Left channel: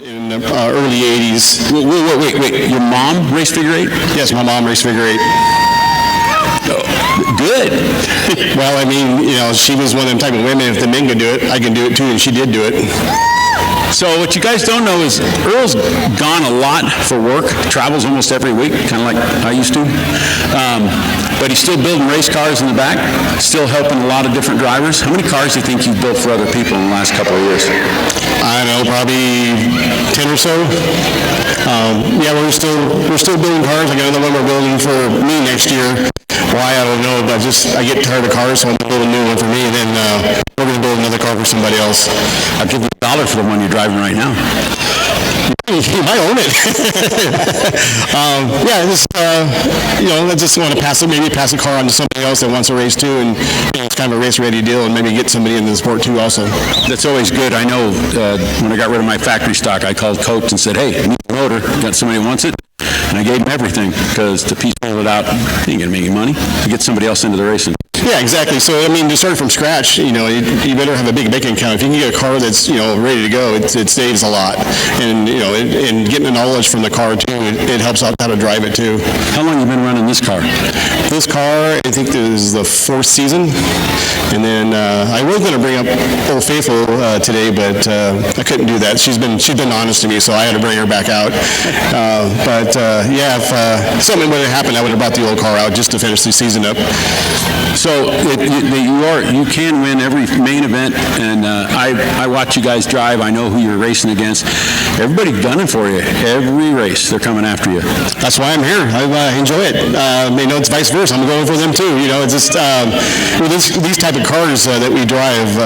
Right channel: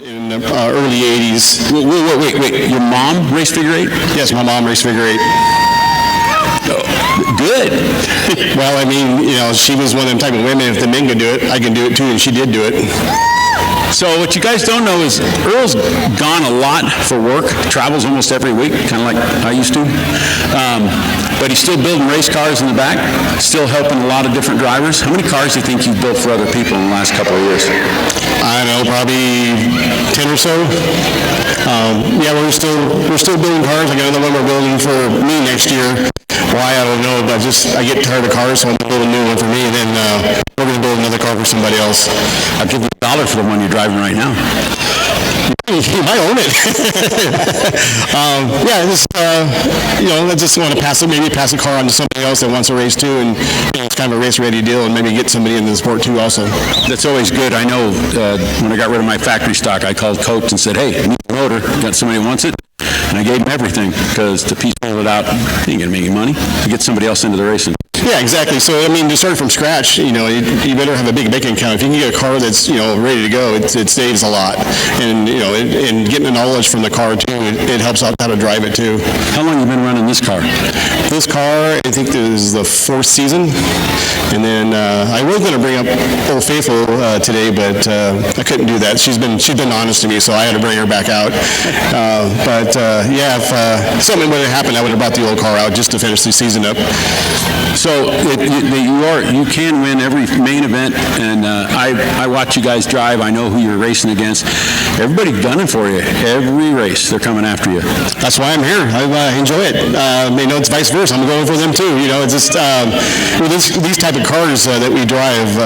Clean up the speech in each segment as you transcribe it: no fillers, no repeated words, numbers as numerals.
In early 80s. Wait. Your mom raced figure eight? Yes, my mom raced figure eight. Good. Well, I mean, she was one of them type of women. If the men can do it, I can do it too, and she did do it. So what you guys don't know is Earl's gone a lot for work, travels almost every week, kind of like I used to. But he's still building race cars in the back, still helping a lot of different drivers. How many cars do you think you've built for other people in the last couple of years? I don't know, probably 10 or so. Yeah, we're still building cars. I got another one we're building for me next year. Why, I don't know, but I get tired of cars, so I'm going to build a new one for me, and then we're going to build another car for somebody else. I'll give you $1 for the one you're driving right now. You might own it. I just want to pass a car on to somebody else that wants a race too, and it's kind of a race-ready deal, and maybe get somebody into the sport too also. That's always good. I know when I got rid of my factory stock, I called Coach and said, hey, I need a motor. Got somebody who wants it? And I gave him everything, because to piece it out, you ain't going to make any money. You get somebody else into the racing. Yeah, exactly. So, I mean, to start from scratch, you better have a big bank account. If you can get a car that's, ready to go, it saves a lot. And, and getting the knowledge from the car, too, it helps out how to drive it, too. How long have you been running this car? This car, I think this is the 4th season. And then I was going to bring up Old Faithful today, but I couldn't do that. She's been honest to me, so I had to bring her back out. If something would have happened, I would have brought the old car out just to finish the season up. So you can win every main event, and I watch you guys drive. I know who you're racing against. Everybody's gunning for you. Every race, they're coming after you. That's why I'm here. I enjoy it. It's vice versa. I'm going for them too. It's just these type of cars that we drive.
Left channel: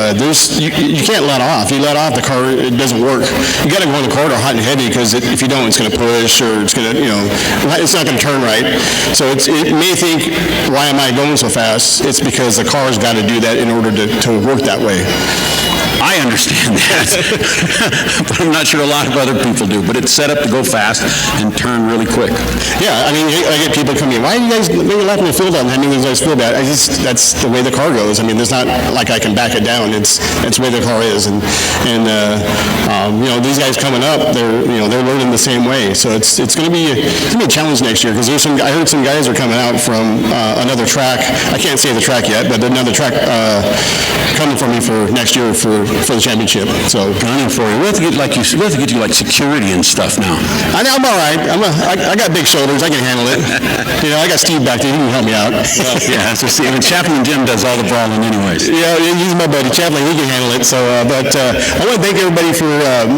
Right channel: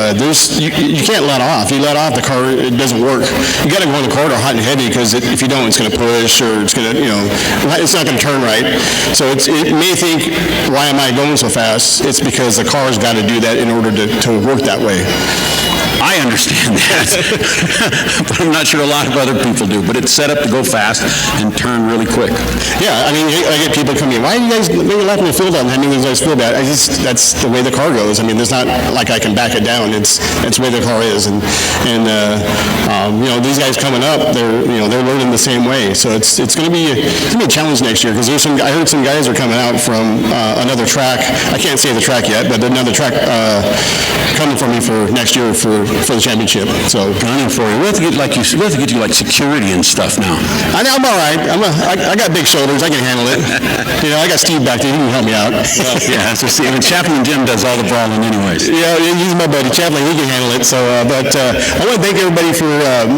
You can't let off. You let off, the car, it doesn't work. You got to go in the corridor hot and heavy, because if you don't, it's going to push, or it's going to it's not going to turn right. So it may think, why am I going so fast? It's because the car's got to do that in order to work that way. I understand that, but I'm not sure a lot of other people do. But it's set up to go fast and turn really quick. Yeah, I mean, I get people coming, why are you guys lapping the field out and having these guys feel bad? That's the way the car goes. I mean, there's not like I can back it down. It's the way the car is, and these guys coming up, they're learning the same way. So it's going to be a challenge next year, because I heard some guys are coming out from another track. I can't say the track yet, but another track coming for me for next year for the championship. So gunning for you. We have to get you like security and stuff now. I'm all right. I got big shoulders. I can handle it. I got Steve back there. He can help me out. Well, yeah, so see, Chaplain Jim does all the brawling anyways. Yeah, he's my buddy. Chaplain, he can handle it. So, I want to thank everybody for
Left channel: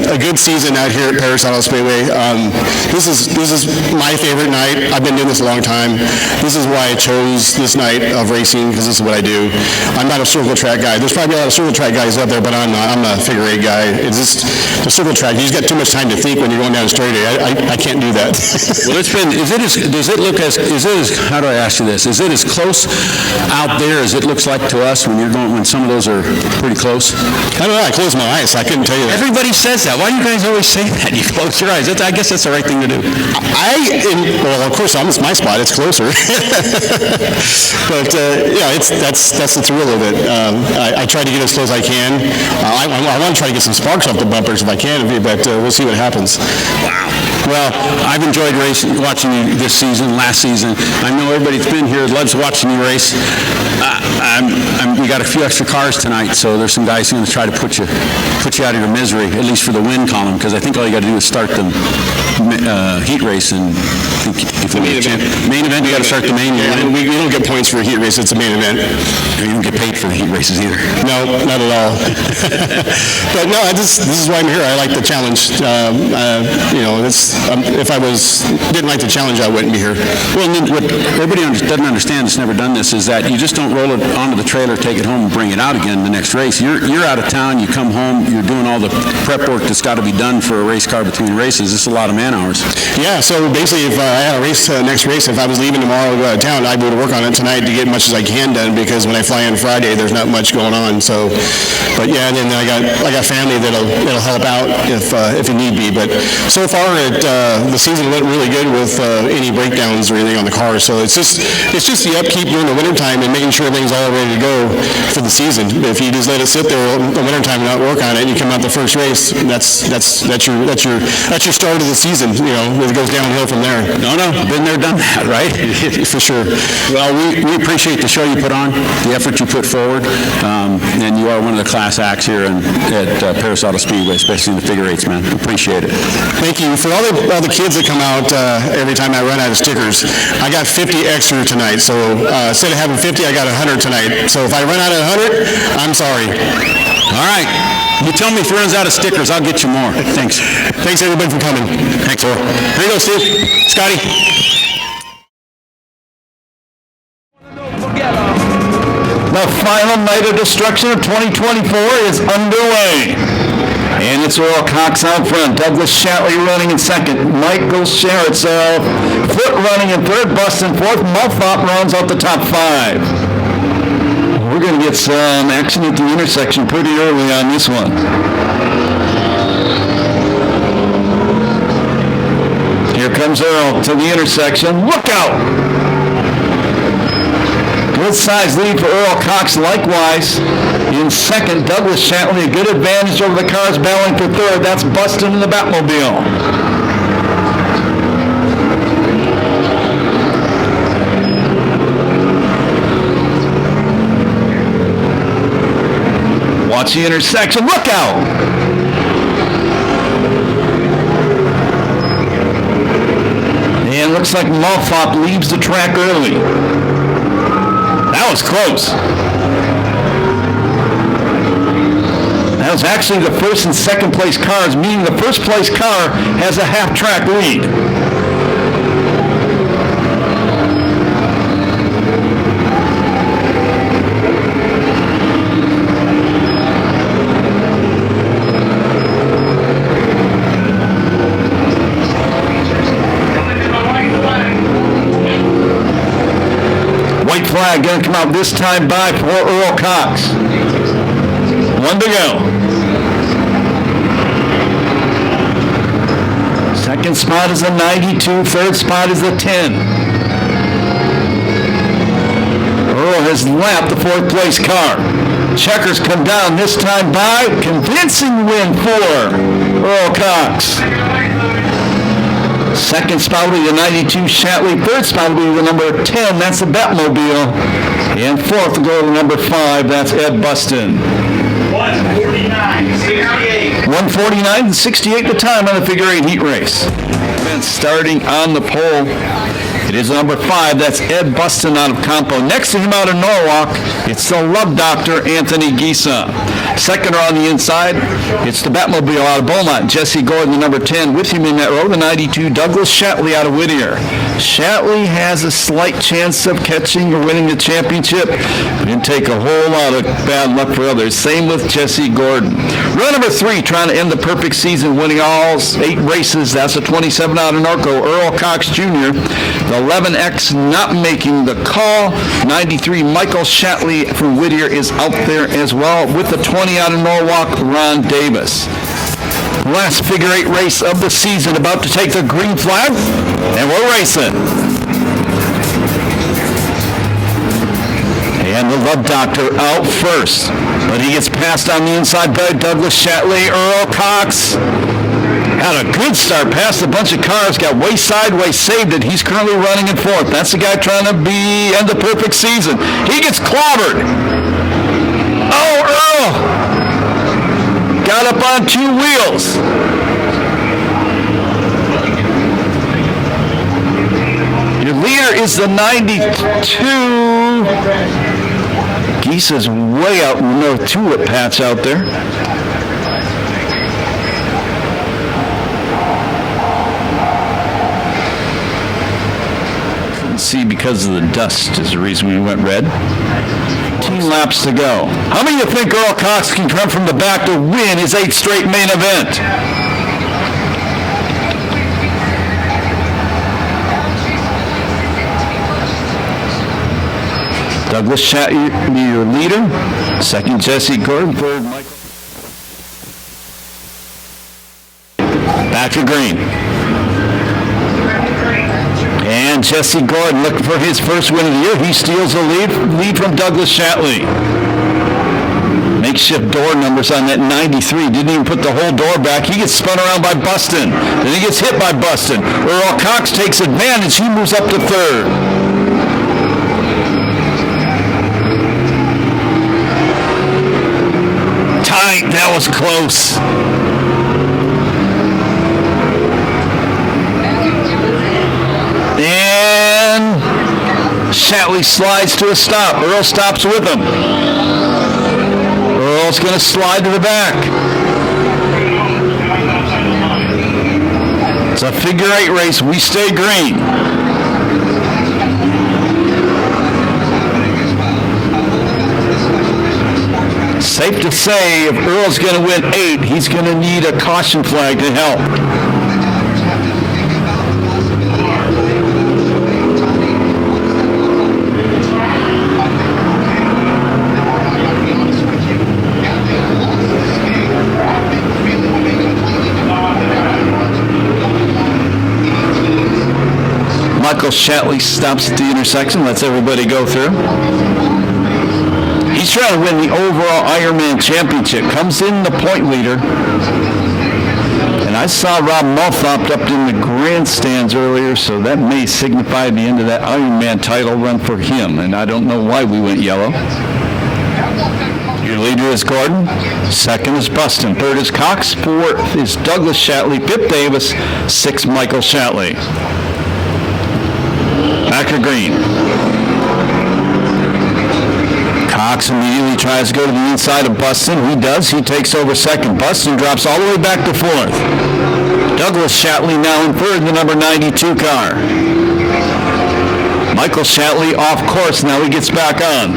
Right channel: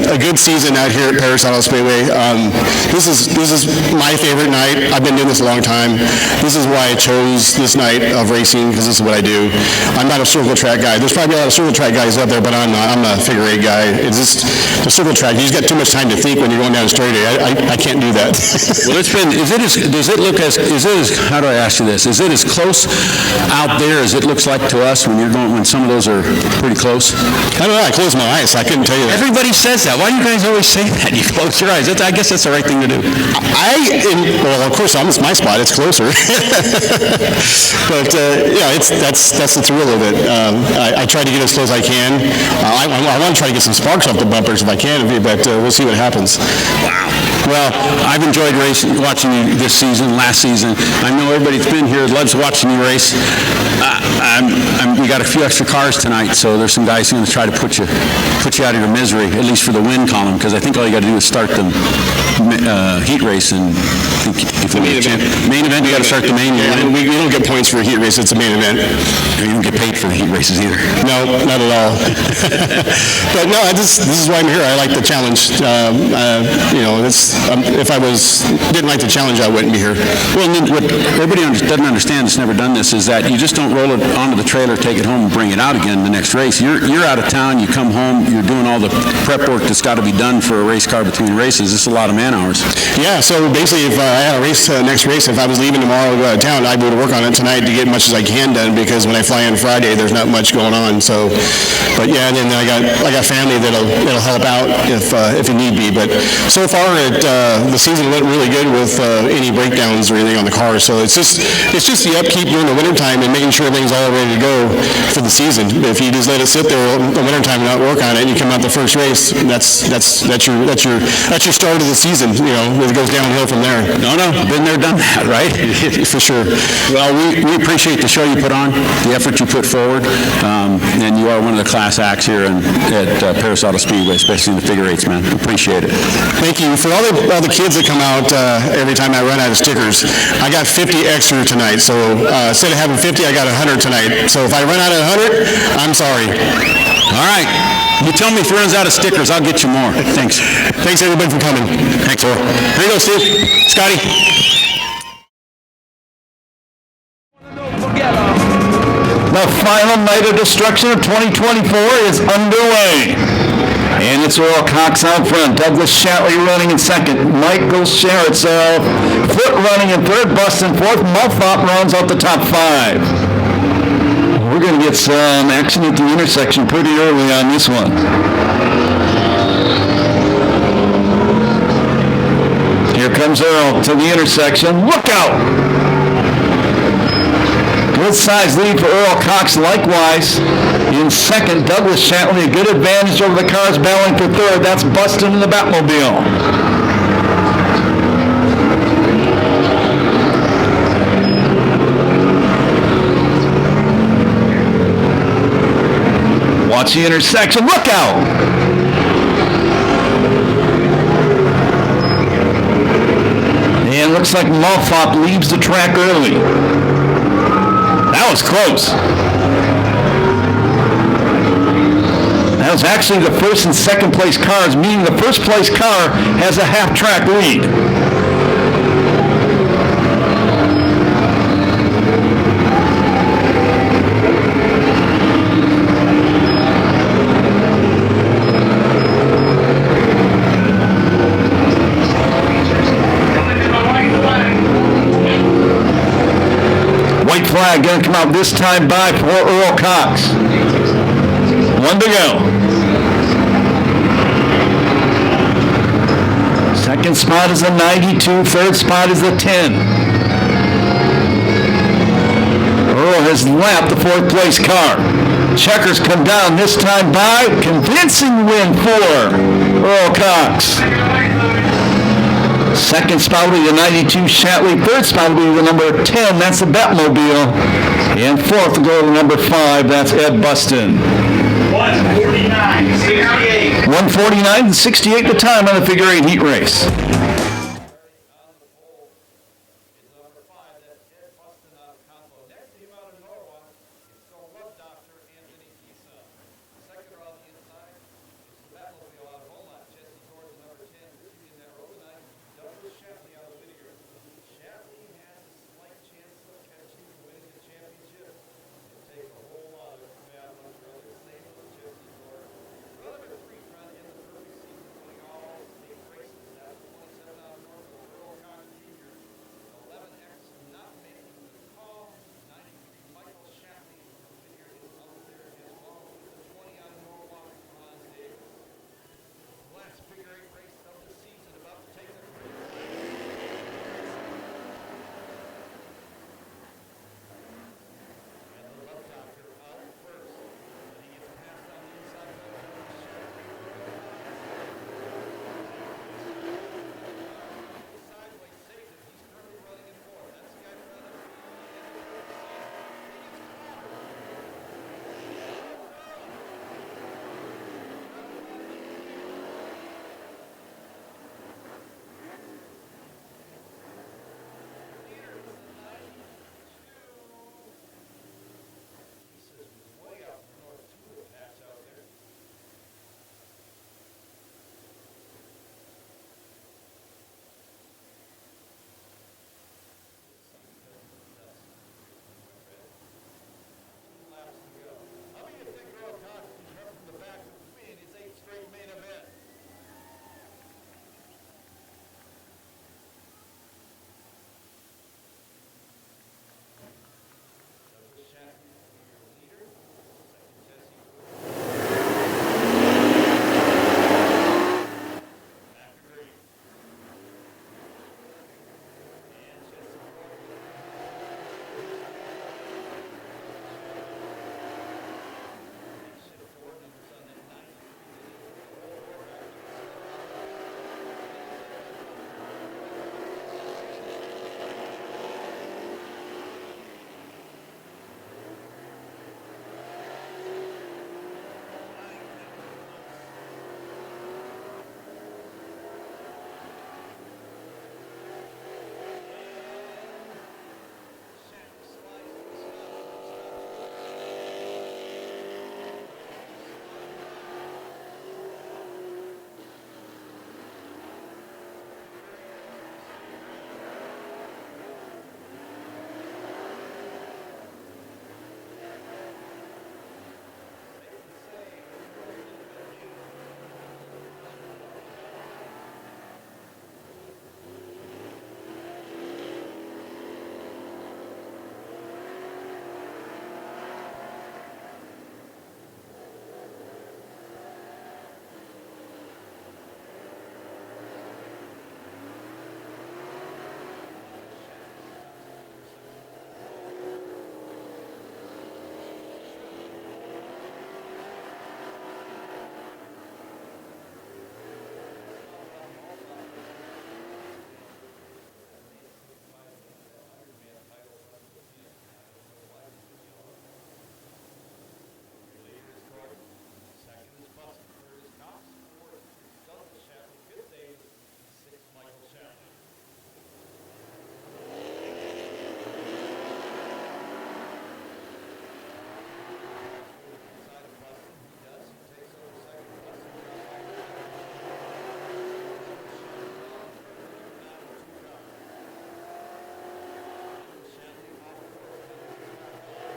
a good season out here at Perris Auto Speedway. This is my favorite night. I've been doing this a long time. This is why I chose this night of racing, because this is what I do. I'm not a circle track guy. There's probably a lot of circle track guys out there, but I'm not. I'm a figure eight guy. It's just the circle track. You just got too much time to think when you're going down a straight A. I can't do that. Well, how do I ask you this? Is it as close out there as it looks like to us when some of those are pretty close? I don't know. I closed my eyes, so I couldn't tell you that. Everybody says that. Why do you guys always say that? You close your eyes. I guess that's the right thing to do. Well, of course, it's my spot. It's closer. But that's the thrill of it. I try to get as close as I can. I want to try to get some sparks off the bumpers if I can, but we'll see what happens. Wow. Well, I've enjoyed watching you this season, last season. I know everybody that's been here loves watching you race. We got a few extra cars tonight, so there's some guys who are going to try to put you out of your misery, at least for the win column, because I think all you got to do is start the heat race, and if we main event, you got to start the main event. We don't get points for a heat race. It's a main event. You don't get paid for the heat races either. No, not at all. But no, this is why I'm here. I like the challenge. If I didn't like the challenge, I wouldn't be here. Well, and then what everybody doesn't understand that's never done this is that you just don't roll it onto the trailer, take it home, and bring it out again the next race. You're out of town. You come home. You're doing all the prep work that's got to be done for a race car between races. It's a lot of man hours. Yeah. So basically, if I had a race next race, if I was leaving tomorrow to go out of town, I would work on it tonight to get as much as I can done, because when I fly in Friday, there's not much going on. So, but yeah, then I I got family that'll help out if it need be. But so far, the season went really good with any breakdowns or anything on the car. So it's just the upkeep during the wintertime and making sure everything's all ready to go for the season. If you just let it sit there in the wintertime and not work on it, and you come out the first race, that's your start of the season. You know, it goes downhill from there. No, been there, done that, right? For sure. Well, we appreciate the show you put on, the effort you put forward, and you are one of the class acts here at Perris Auto Speedway, especially in the figure eights, man. Appreciate it. Thank you. For all the kids that come out every time I run out of stickers, I got 50 extra tonight. So instead of having 50, I got 100 tonight. So if I run out of 100, I'm sorry. All right. You tell me if it runs out of stickers, I'll get you more. Thanks. Thanks, everybody, for coming. Thanks, Earl. Here you go, Steve. Scotty. The final night of destruction of 2024 is underway. And it's Earl Cox out front, Douglas Shatley running in second, Michael Sherritt's Foot running in third, Bustin fourth, Mulfop rounds out the top five. We're going to get some action at the intersection pretty early on this one. Here comes Earl to the intersection. Look out! Good size lead for Earl Cox likewise. In second, Douglas Shatley, a good advantage over the cars battling for third. That's Bustin in the Batmobile. Watch the intersection. Look out! And looks like Mulfop leaves the track early. That was close. That was actually the first and second place cars, meaning the first place car has a half track lead. White flag going to come out this time by for Earl Cox. One to go. Second spot is a 92. Third spot is a 10. Earl has lapped the fourth place car. Checkers come down this time by. Convincing win for Earl Cox. Second spot will be the 92 Shatley. Third spot will be the number 10. That's the Batmobile. And fourth will go to number 5. That's Ed Bustin. 1:49:68. 1:49:68 the time on the figure 8 heat race. And starting on the pole, it is number 5. That's Ed Bustin out of Campo. Next to him out of Norwalk, it's the Love Doctor, Anthony Gisa. Second row on the inside, it's the Batmobile out of Beaumont. Jesse Gordon, the number 10. With him in that row, the 92, Douglas Shatley out of Whittier. Shatley has a slight chance of catching or winning the championship. Didn't take a whole lot of bad luck for others. Same with Jesse Gordon. Row number 3, trying to end the perfect season, winning all 8 races. That's a 27 out of Norco, Earl Cox Jr. The 11X not making the call. 93, Michael Shatley from Whittier is out there as well. With the 20 out of Norwalk, Ron Davis. Last figure 8 race of the season, about to take the green flag, and we're racing. And the Love Doctor out first, but he gets passed on the inside by Douglas Shatley. Earl Cox had a good start, passed a bunch of cars, got way sideways, saved it. He's currently running in fourth. That's the guy trying to end the perfect season. He gets clobbered. Oh, Earl got up on 2 wheels. Your leader is the 92. Gisa's way out in the no tulip patch out there. Couldn't see because of the dust is the reason we went red. 18 laps to go. How many of you think Earl Cox can come from the back to win his 8th straight main event? Douglas Shatley, your leader. Second, Jesse Gordon. Third, Mike. Back to green. And Jesse Gordon looking for his first win of the year. He steals the lead from Douglas Shatley. Makeshift door numbers on that 93. Didn't even put the whole door back. He gets spun around by Buston. Then he gets hit by Buston. Earl Cox takes advantage. He moves up to third. Tight. That was close. And Shatley slides to a stop. Earl stops with him. Earl's going to slide to the back. It's a figure 8 race. We stay green. Safe to say, if Earl's going to win 8, he's going to need a caution flag to help. Michael Shatley stops at the intersection, lets everybody go through. He's trying to win the overall Ironman championship. Comes in the point leader. And I saw Rob Multhop up in the grandstands earlier, so that may signify the end of that Ironman title run for him. And I don't know why we went yellow. Your leader is Gordon. Second is Buston. Third is Cox. Fourth is Douglas Shatley. Fifth, Davis. Sixth, Michael Shatley. Back to green. Cox immediately tries to go to the inside of Buston. He does. He takes over second. Buston drops all the way back to fourth. Douglas Shatley now in third, the number 92 car. Michael Shatley off course. Now he gets back on.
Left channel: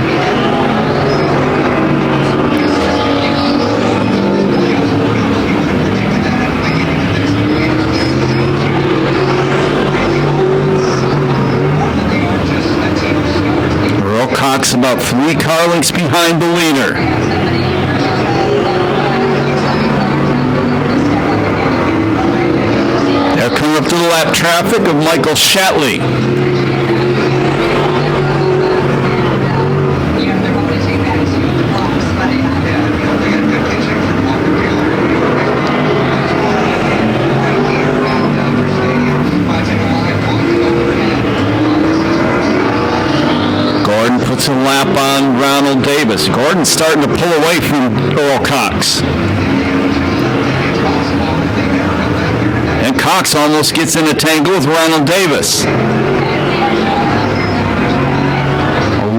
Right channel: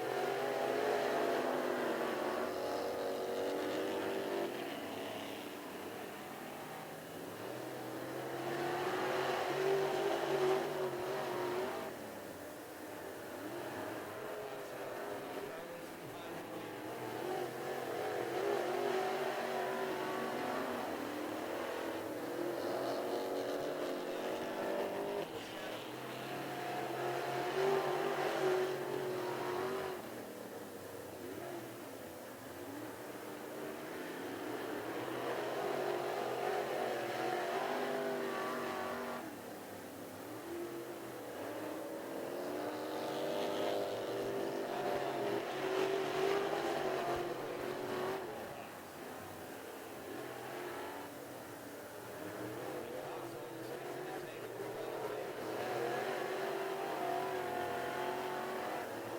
Cox about 3 car lengths behind the leader. They're coming up to the lap traffic of Michael Shatley. Puts a lap on Ronald Davis. Gordon's starting to pull away from Earl Cox. And Cox almost gets in a tangle with Ronald Davis. A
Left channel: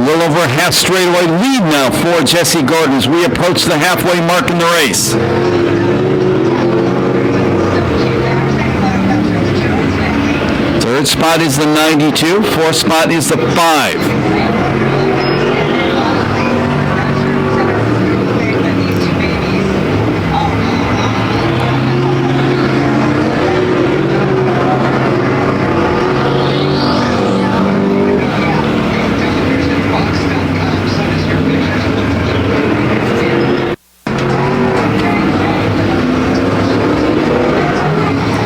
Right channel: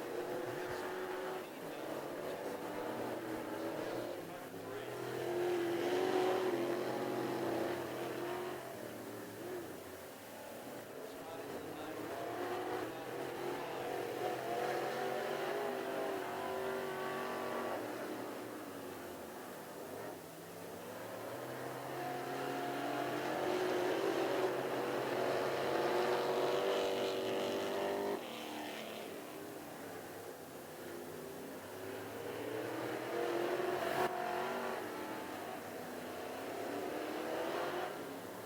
little over half straightaway lead now for Jesse Gordon as we approach the halfway mark in the race. Third spot is the 92. Fourth spot is the 5.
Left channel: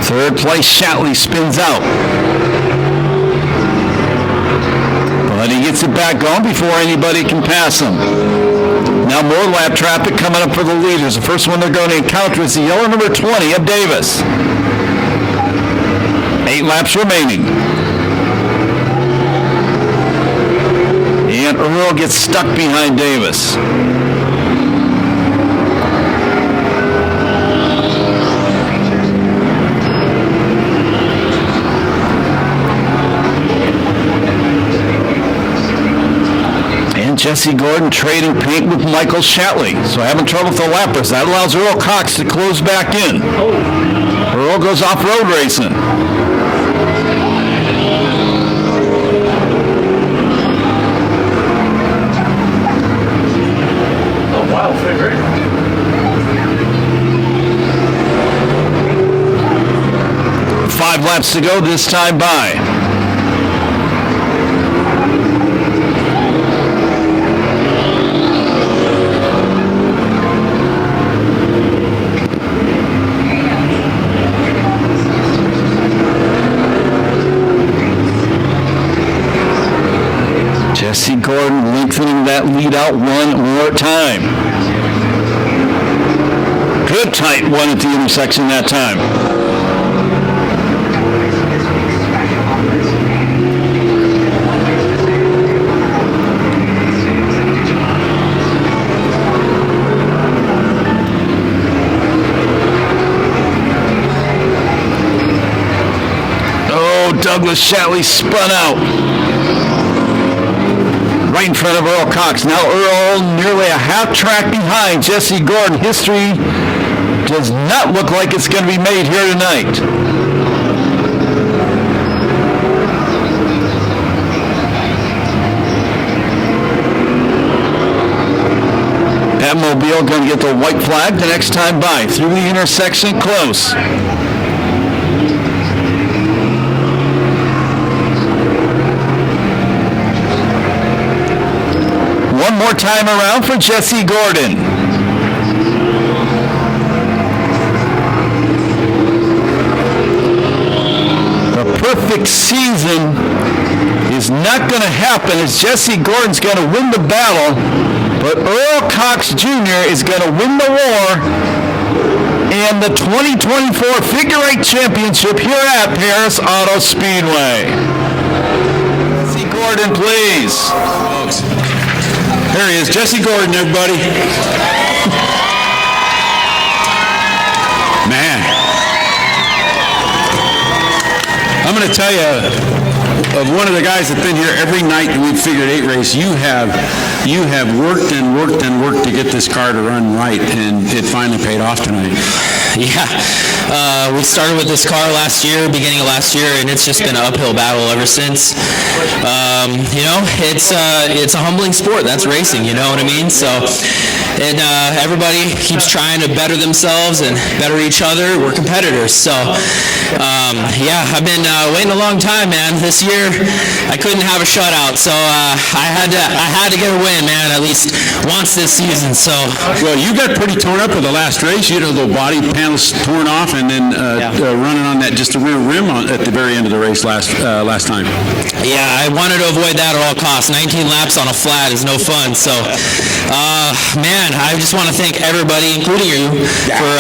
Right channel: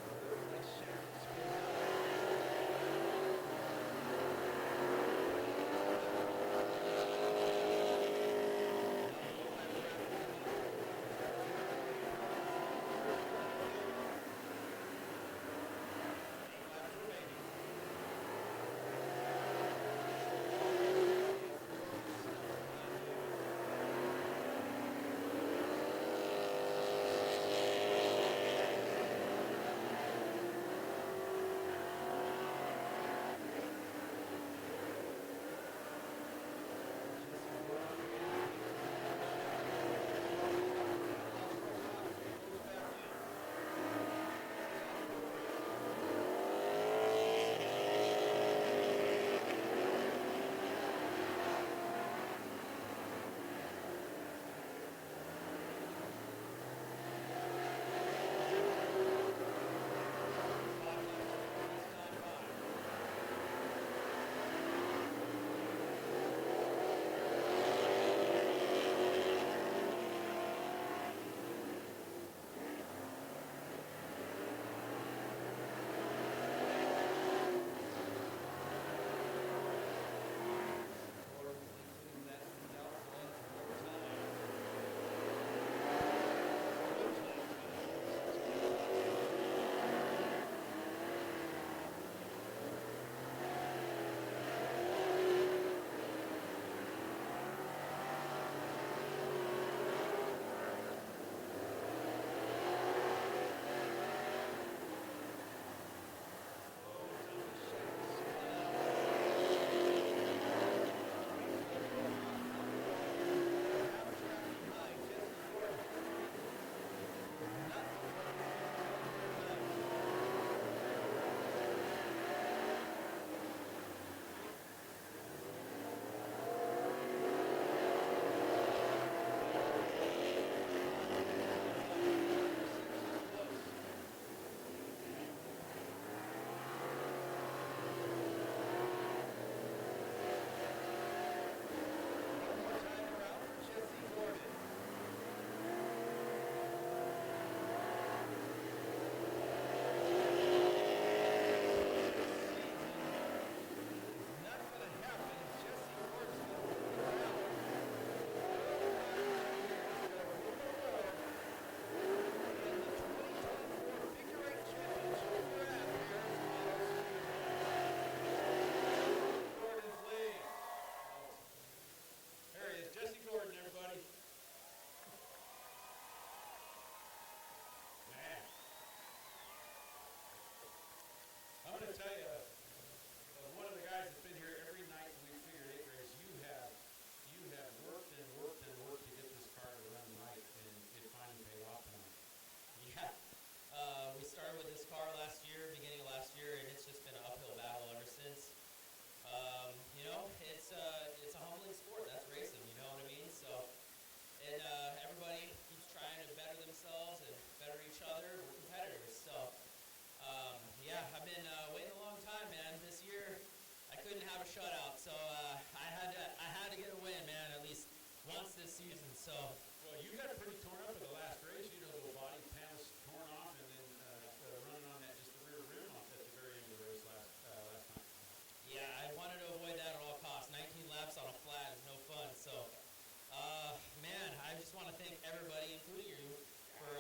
Third place, Shatley spins out. But he gets it back going before anybody can pass him. Now more lap traffic coming up for the leaders. The first one they're going to encounter is the yellow number 20 of Davis. 8 laps remaining. And Earl gets stuck behind Davis. Jesse Gordon trading paint with Michael Shatley. So having trouble with the lappers. That allows Earl Cox to close back in. Earl goes off-road racing. Oh, wow, favorite. 5 laps to go this time by. Jesse Gordon lengthening that lead out one more time. Good tight one at the intersection that time. Oh, Douglas Shatley spun out. Right in front of Earl Cox. Now Earl nearly a half track behind Jesse Gordon. History does not look like it's going to be made here tonight. That mobile going to get the white flag the next time by. Through the intersection, close. One more time around for Jesse Gordon. The perfect season is not going to happen as Jesse Gordon's going to win the battle, but Earl Cox Jr. is going to win the war and the 2024 Figure 8 Championship here at Perris Auto Speedway. Jesse Gordon, please. There he is, Jesse Gordon, everybody. Man. I'm going to tell you, of one of the guys that's been here every night that we've Figure 8 race, you have worked and worked and worked to get this car to run right, and it finally paid off tonight. Yeah, we started with this car last year, beginning of last year, and it's just been an uphill battle ever since. You know, it's a humbling sport. That's racing, you know what I mean? So, and everybody keeps trying to better themselves and better each other. We're competitors. So, yeah, I've been waiting a long time, man. This year, I couldn't have a shutout, so I had to get a win, man, at least once this season. So, well, you got pretty torn up with the last race. You had a little body panels torn off, and then running on that just a rear rim at the very end of the race last time. Yeah, I wanted to avoid that at all costs. 19 laps on a flat is no fun. So, man, I just want to thank everybody, including you, for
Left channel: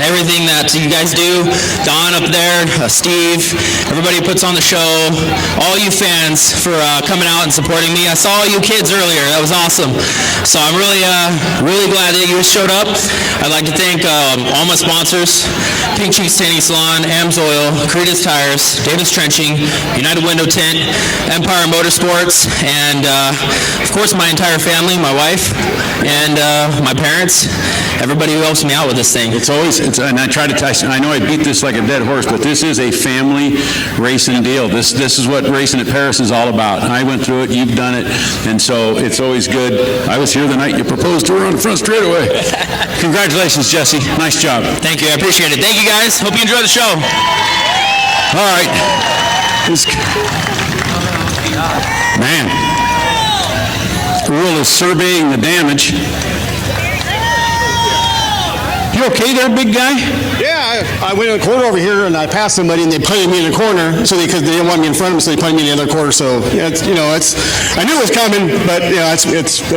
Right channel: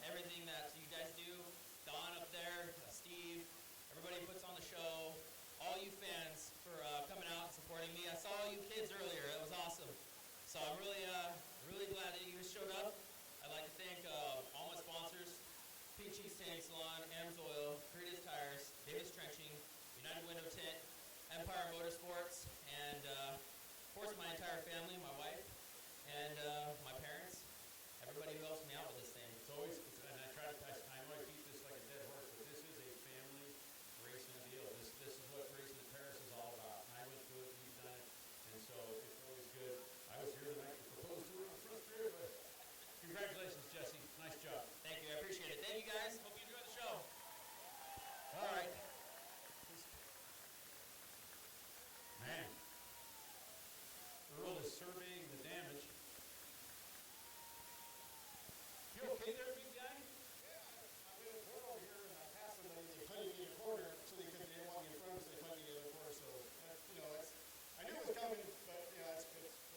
everything that you guys do. Don up there, Steve, everybody who puts on the show, all you fans for coming out and supporting me. I saw all you kids earlier. That was awesome. So I'm really glad that you showed up. I'd like to thank all my sponsors: Pink Cheeks Tanning Salon, Am's Oil, Creedus Tires, Davis Trenching, United Window Tint, Empire Motorsports, and of course my entire family, my wife, and my parents, everybody who helps me out with this thing. And I try to I know I beat this like a dead horse, but this is a family racing deal. This is what racing at Perris is all about. I went through it, you've done it, and so it's always good. I was here the night you proposed to her on the front straightaway. Congratulations, Jesse. Nice job. Thank you. I appreciate it. Thank you, guys. Hope you enjoy the show. All right. Man. Earl is surveying the damage. You okay there, big guy? Yeah, I went in the corner over here and I passed somebody and they planted me in the corner because they didn't want me in front of them, so they planted me in the other corner. So yeah, I knew it was coming, but that's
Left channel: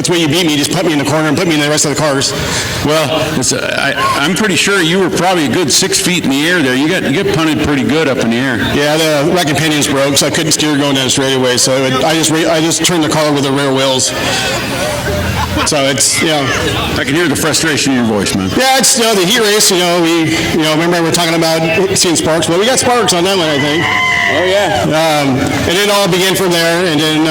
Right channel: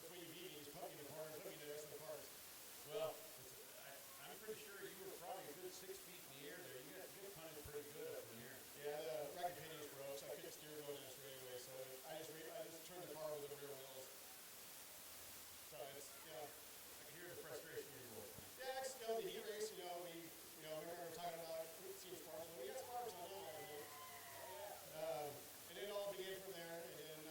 when you beat me. Just put me in the corner and put me in the rest of the cars. Well, I'm pretty sure you were probably a good 6 feet in the air there. You got punted pretty good up in the air. Yeah, the rack and pinions broke, so I couldn't steer going down the straightaway. So I just turned the car with the rear wheels. So it's, I can hear the frustration in your voice, man. Yeah, it's, the heat race, remember we were talking about seeing sparks. Well, we got sparks on that one, I think. Oh, yeah. And it all began from there. And then,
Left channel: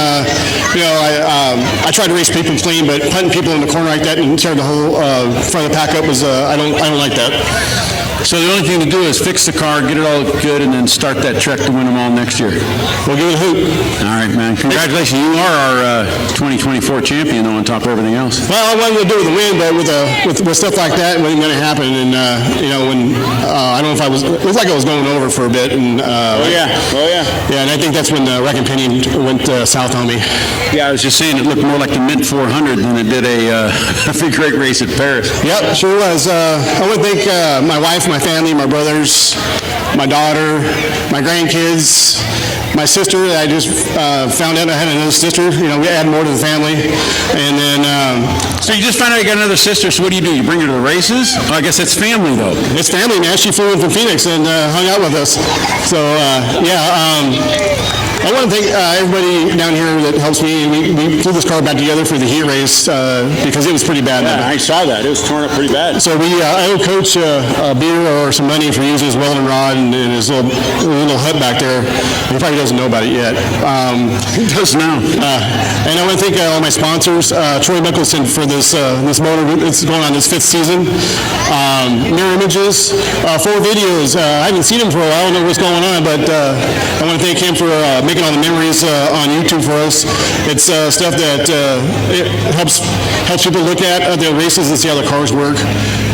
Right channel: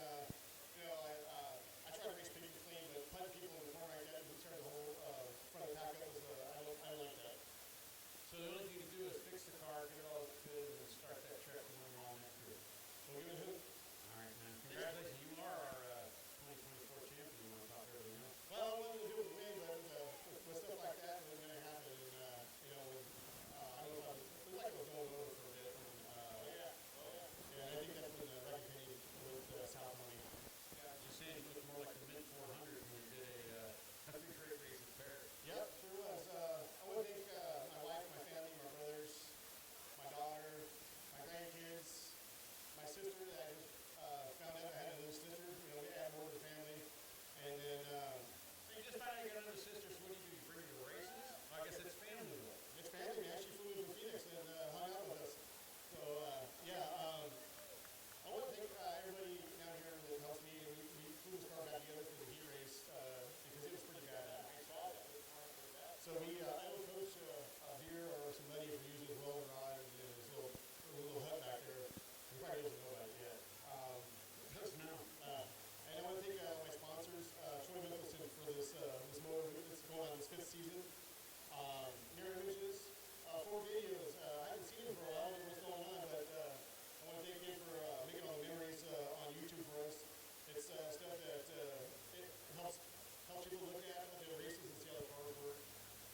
I tried to race people clean, but putting people in the corner like that and tearing the whole front of the pack up was, I don't like that. So the only thing to do is fix the car, get it all good, and then start that trek to win them all next year. We'll give it a hoot. All right, man. Congratulations. You are our 2024 champion, though, on top of everything else. Well, I wanted to do with the win, but with stuff like that, it wasn't going to happen. And, when I don't know if it looked like I was going over for a bit. And, Yeah, and I think that's when the wreck and pinion went south on me. Yeah, I was just saying it looked more like the Mint 400 than it did a figure 8 race at Perris. Yep, sure was. I would thank my wife, my family, my brothers, my daughter, my grandkids, my sister, I just found out I had another sister. You know, we add more to the family. And then... So you just found out you got another sister, so what do? You bring her to the races? Oh, I guess it's family, though. It's family, man. She flew in from Phoenix and hung out with us. So, I want to thank everybody down here that helps me. We flew this car back together for the heat race because it was pretty bad. Yeah, I saw that. It was torn up pretty bad. So I owe Coach a beer or some money for using his welding rod and his little hut back there. He probably doesn't know about it yet. He does now. And I want to thank all my sponsors. Troy Mickelson for this motor. It's going on this 5th season. Mirror Images, 4 videos. I haven't seen him for a while. I don't know what's going on, but I want to thank him for making all the memories on YouTube for us. It's stuff that it helps people look at the races and see how the cars work.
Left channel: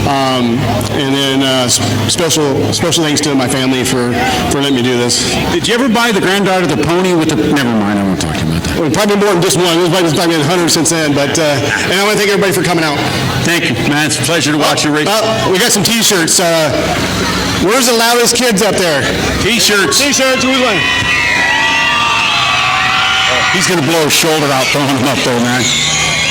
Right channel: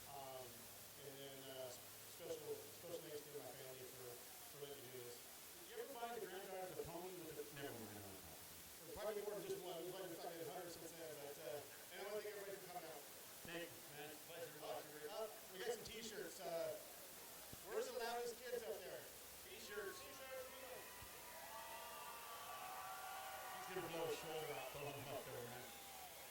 And then special thanks to my family for letting me do this. Did you ever buy the granddaughter the pony with the... Never mind, I won't talk about that. Well, probably more than just one. There's probably been 100 since then. But and I want to thank everybody for coming out. Thank you, man. It's a pleasure to watch you race. We got some T-shirts. Where's the loudest kids up there? T-shirts. T-shirts, who's one? He's going to blow his shoulder out throwing them up, though, man.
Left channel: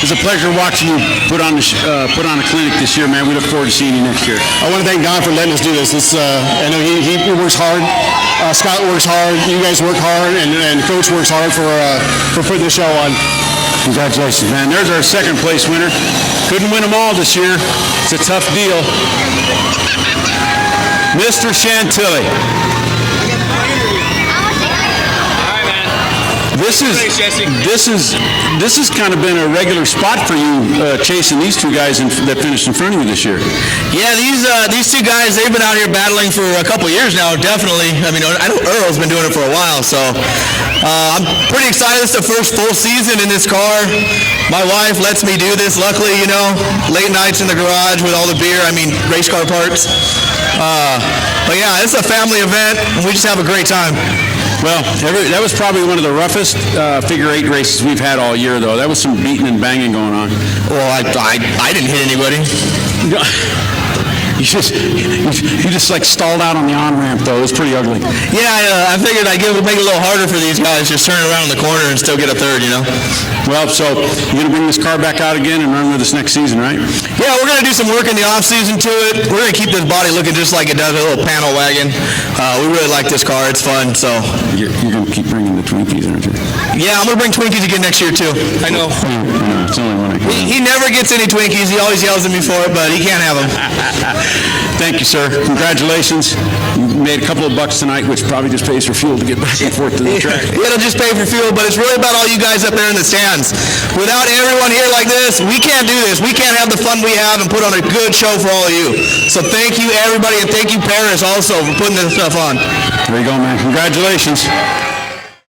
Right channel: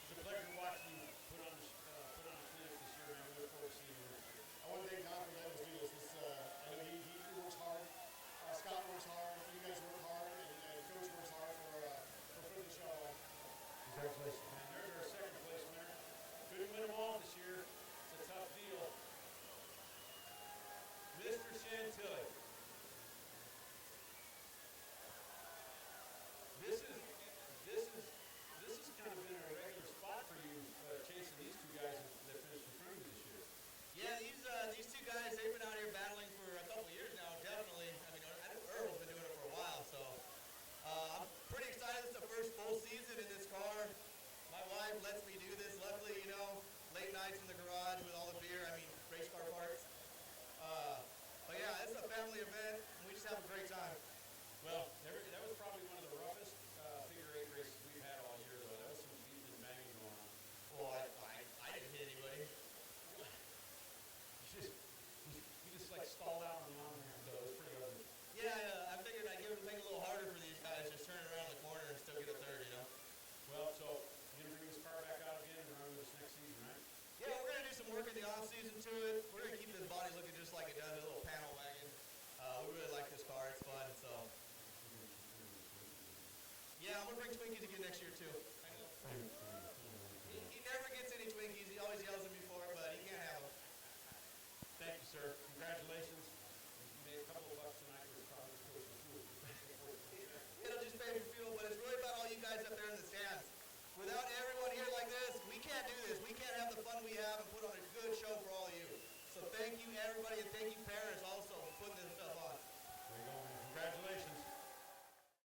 It's a pleasure watching you put on a clinic this year, man. We look forward to seeing you next year. I want to thank Don for letting us do this. I know he works hard. Scott works hard. You guys work hard, and Coach works hard for putting the show on. Congratulations, man. There's our 2nd place winner. Couldn't win them all this year. It's a tough deal. Mr. Chantilly. This has kind of been a regular spot for you, chasing these 2 guys that finished in front of you this year. Yeah, these 2 guys, they've been out here battling for a couple years now, definitely. I mean, I know Earl's been doing it for a while, so I'm pretty excited. It's the first full season in this car. My wife lets me do this, luckily, you know, late nights in the garage with all the beer, race car parts. But yeah, it's a family event, and we just have a great time. Well, that was probably one of the roughest figure 8 races we've had all year, though. That was some beating and banging going on. Well, I didn't hit anybody. You just like stalled out on the on-ramp, though. It was pretty ugly. Yeah, I figured I'd make it a little harder for these guys, just turn around in the corner and still get a third, you know? Well, so you're going to bring this car back out again and run with us next season, right? Yeah, we're going to do some work in the off-season to it. We're going to keep this body looking just like it does, a little panel wagon. We really like this car. It's fun, so. You're going to keep bringing the Twinkies, aren't you? Yeah, I'm going to bring Twinkies again next year, too. I know. No, it's the only one I can. He never gets any Twinkies. He always yells at me for it, but he can't have them. Thank you, sir. Congratulations. You made a couple of bucks tonight, which probably just pays for fuel to get back and forth to the track. It'll just pay for fuel, but it's really about all you guys up there in the stands. Without everyone here like this, we can't do this. We can't have the fun we have and put on a good show for all of you. So thank you, everybody, and thank you, Perris, also, for putting this stuff on. There you go, man. Congratulations.